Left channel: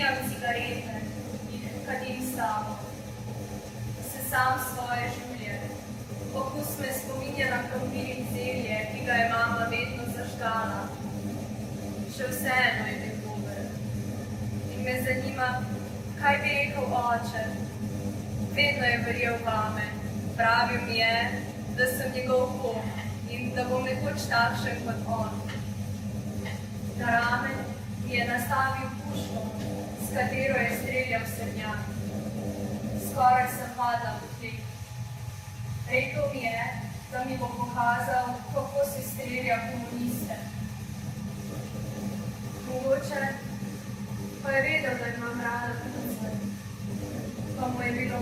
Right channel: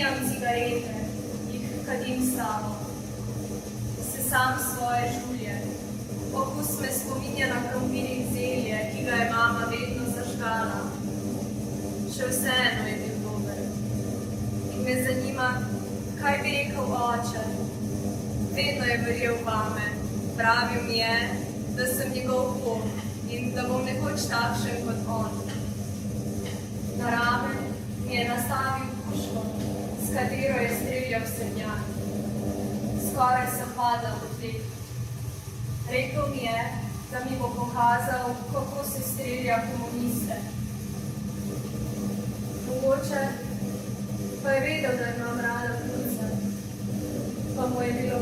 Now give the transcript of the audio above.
Zavijam cigarete, jih kadim s tabo. Sesam svoje žulje. Okus me spominja na krompir in zelje, ki ga je mama vedno zažgala. Še vseeno je bil dober. In me zanima, kaj bi rekel oče. Vedno je verjel vame. Pravil mi je, da sem njegov pot in da bom nekoč takšen kot on. Na rame mi je nastavil puško, s katero je streljal srnjak. Skoraj sem padla v tleh. Rekel mi je, da mi bo pokazal, kako se strelja komuniste. Mogoče pa je vedel, da imam rada punce, pa mu je bilo